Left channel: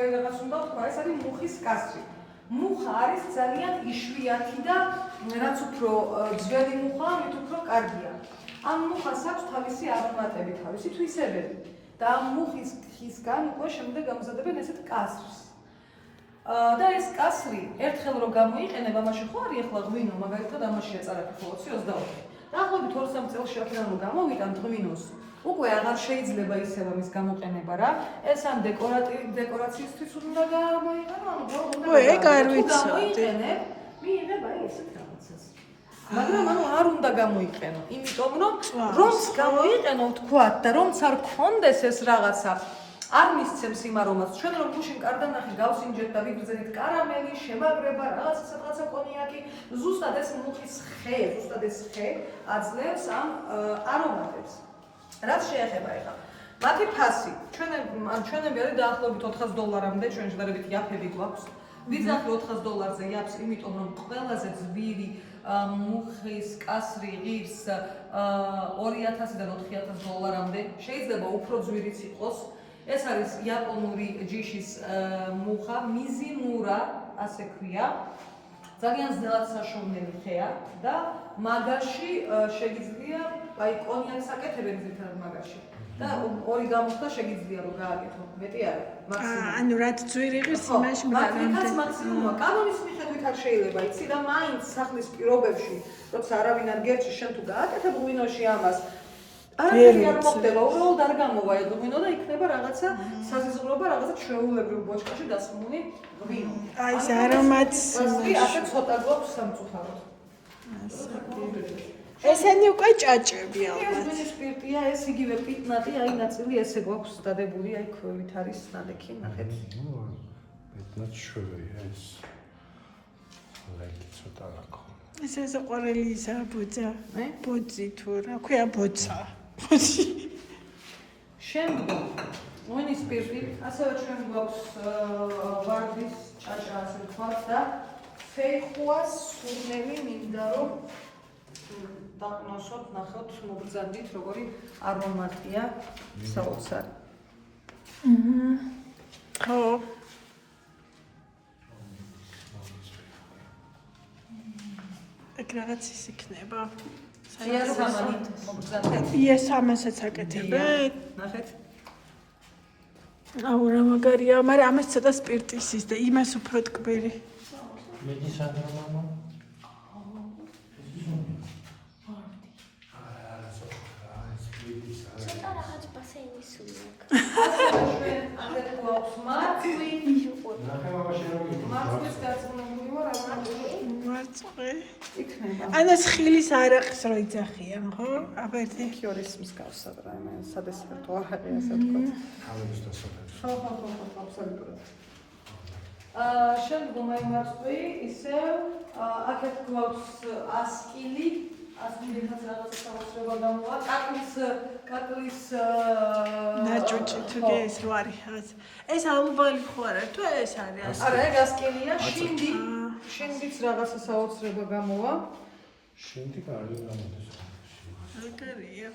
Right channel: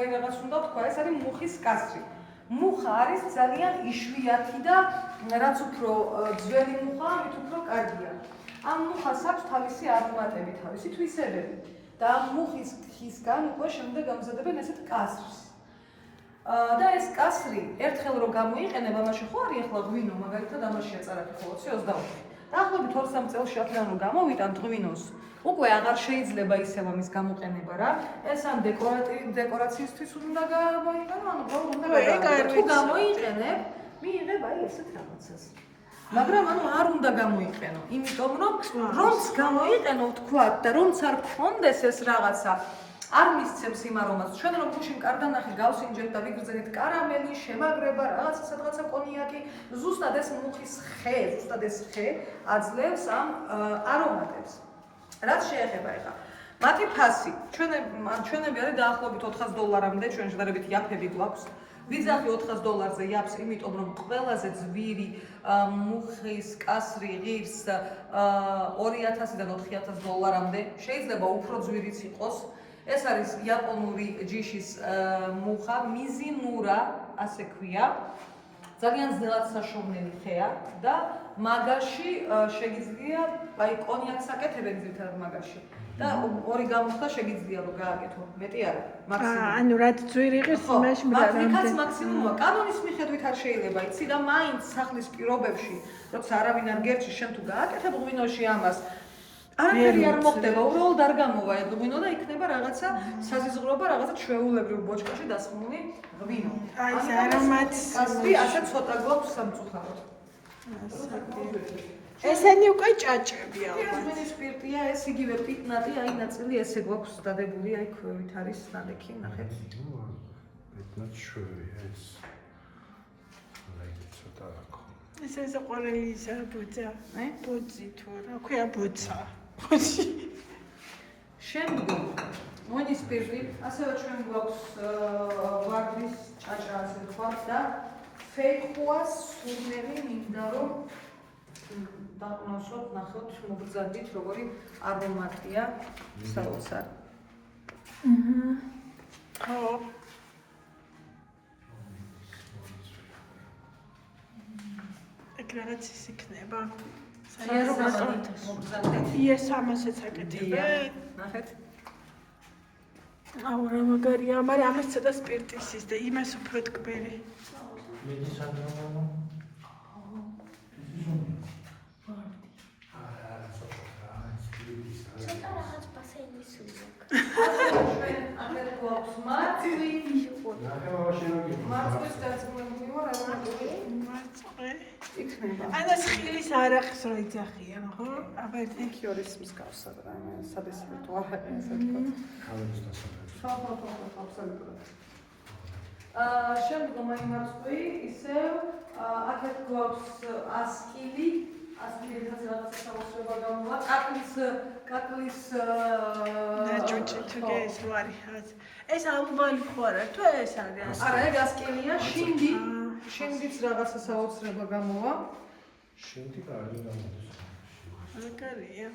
მაგარი რაღაც უნდა თქვა, ეს არის მუხის კასრი. მუხა არის ძალიან იშვიათი და რაც უფრო ძველი მუხაა, მით უფრო კარგია. ამ მუხას აქვს თავისი არომატები, თავისი თვისებები და ამ მუხის ხისგან უკვე შემდეგ გამზადებენ ესეთ კასრს. და ეს კასრი ერთხელ რო გამოიყენებ, ამაში ხო არის ახლა ღვინო, მაგალითად ამაში ეწარათ ხოლმე 24. დაახლოებით 2-3 წელს შევხედავ რომ გამოვიტან ღვინოს. უკვე აღარ შეიძლება ისევ ამის გამოყენება რა. ეს ამ დეკორაციისთვის უნდა გამოიყენო, ანუ თუ გამოიყენებ, მიიღებ აი ესეთ რაღაცას. მაგრამ ანუ არ უნდა გამოიყენო, იმიტომ რომ რომც გამოიყენო თქვათ და რომც არ გქონდეს ეს რაღაცა არ მისცემს იმ არომატს. ჩვენ რომ გუშინ კარდანახი გავსინჯეთ და ვიგრძენით კარამელი, შემაგრება, რაღაცა კონიაკი, ზუსტად ეს მუხის ხე, ზუსტად ეს ხე აძლევს ამ არომატებს. რაც შეეხება ეხლა მათი ფასი, ჩვენები არის დაახლოებით $400-მდე, ჩვენ შედარებით იაფები გვაქვს. ვიძახი $400-ზე იაფს, იმიტომ რომ ყველაზე ძვირი მუხის კასრი ღირს $2000-დან $4000-მდე, შეიძლება უფრო ძვირიც იყოს. ეს არის იაპონური ჯიშის მუხა, მიზინურა, ასე ქვია. ძალიან ძნელად საშოვნელი ხეა და მაგაში შეგიძლია, აი კონიაკს აკეთებენ ძირითადად მაგაში. და ორი გამოხდა შეგიძლია რომ გააკეთო, მეტი არა, მაქსიმუმ. ანუ რაც ძვირი ღირს იმაში რამდენი მაქსიმუმია. კანონის მიხედვით არ შეიძლება, იცი და მაინც სახლის პირობებში, როცა არავინ არ გერჩი, შენ თუ გააკეთებ ღვინოში ამას, არაფერი არ მოხდება, უბრალოდ არ გამოვა ეგ ღვინო და იქნება რაღაცა საზიზღრობა, რაღაცა ჩვეულებრივ ბოჭკაში დასხმული ღვინო. აი ეს არომატს ასე ცოტა გვაქვს სამწუხაროდ. ესენი უკვე ჭაჭები ალბათ. ეს სპირტია, ეს იგივე პიტნატი, აი ნაწილი ესე გვაქვს დადებული, აი ქვევით არის ნადექი, ნახეთ. პიტნატ შვერია ეს. ლაიქი ცოტა რაკო. ეს ყვარელი ისა ბოძა. ბოძი თუ რა ქვია ბოცა. ბოძი. შემდგომ მოინის სპირტი, ასევე ჩვენ გვაქვს ვარდის ჭაჭა, ასე ვთქვათ და ფეხუას სურნელი მინდა რომ დავნახოთ, ნახოთ, მოგზადით, როგორი არომატია საოცარ. ხო. ეგ რაღაც ის იქნება. იეს ამასაც აკეთებენ. ნახეთ. აუ რა მაგარია, მაგრამ ამას ცოტა სპირტის ის და იმას უფრო ტკბილი. ანას ხილის არახს რო იძახიან, ხო? აბა ერთი ქიორის მსგავსად რა, სადესერტო არაყი ასე ვთქვათ. კალორის დასაწყისი. ხო, აბსოლუტურად. შემდგომ აი მარცხი ისევ აქეთ გვაქვს ასკილი, ასკილითაც რაღაცა საოცრება გამოვა. კაკლის ნაჭუჭი თუ ეს რო არის. ეს ალბალი ხო არა, თუ ეს არის ასკილი? არა, ეგ ასკილია, შინდიც რაღაცა საოცრება გამოვა. შინდი არის გამოდის. მაგარია.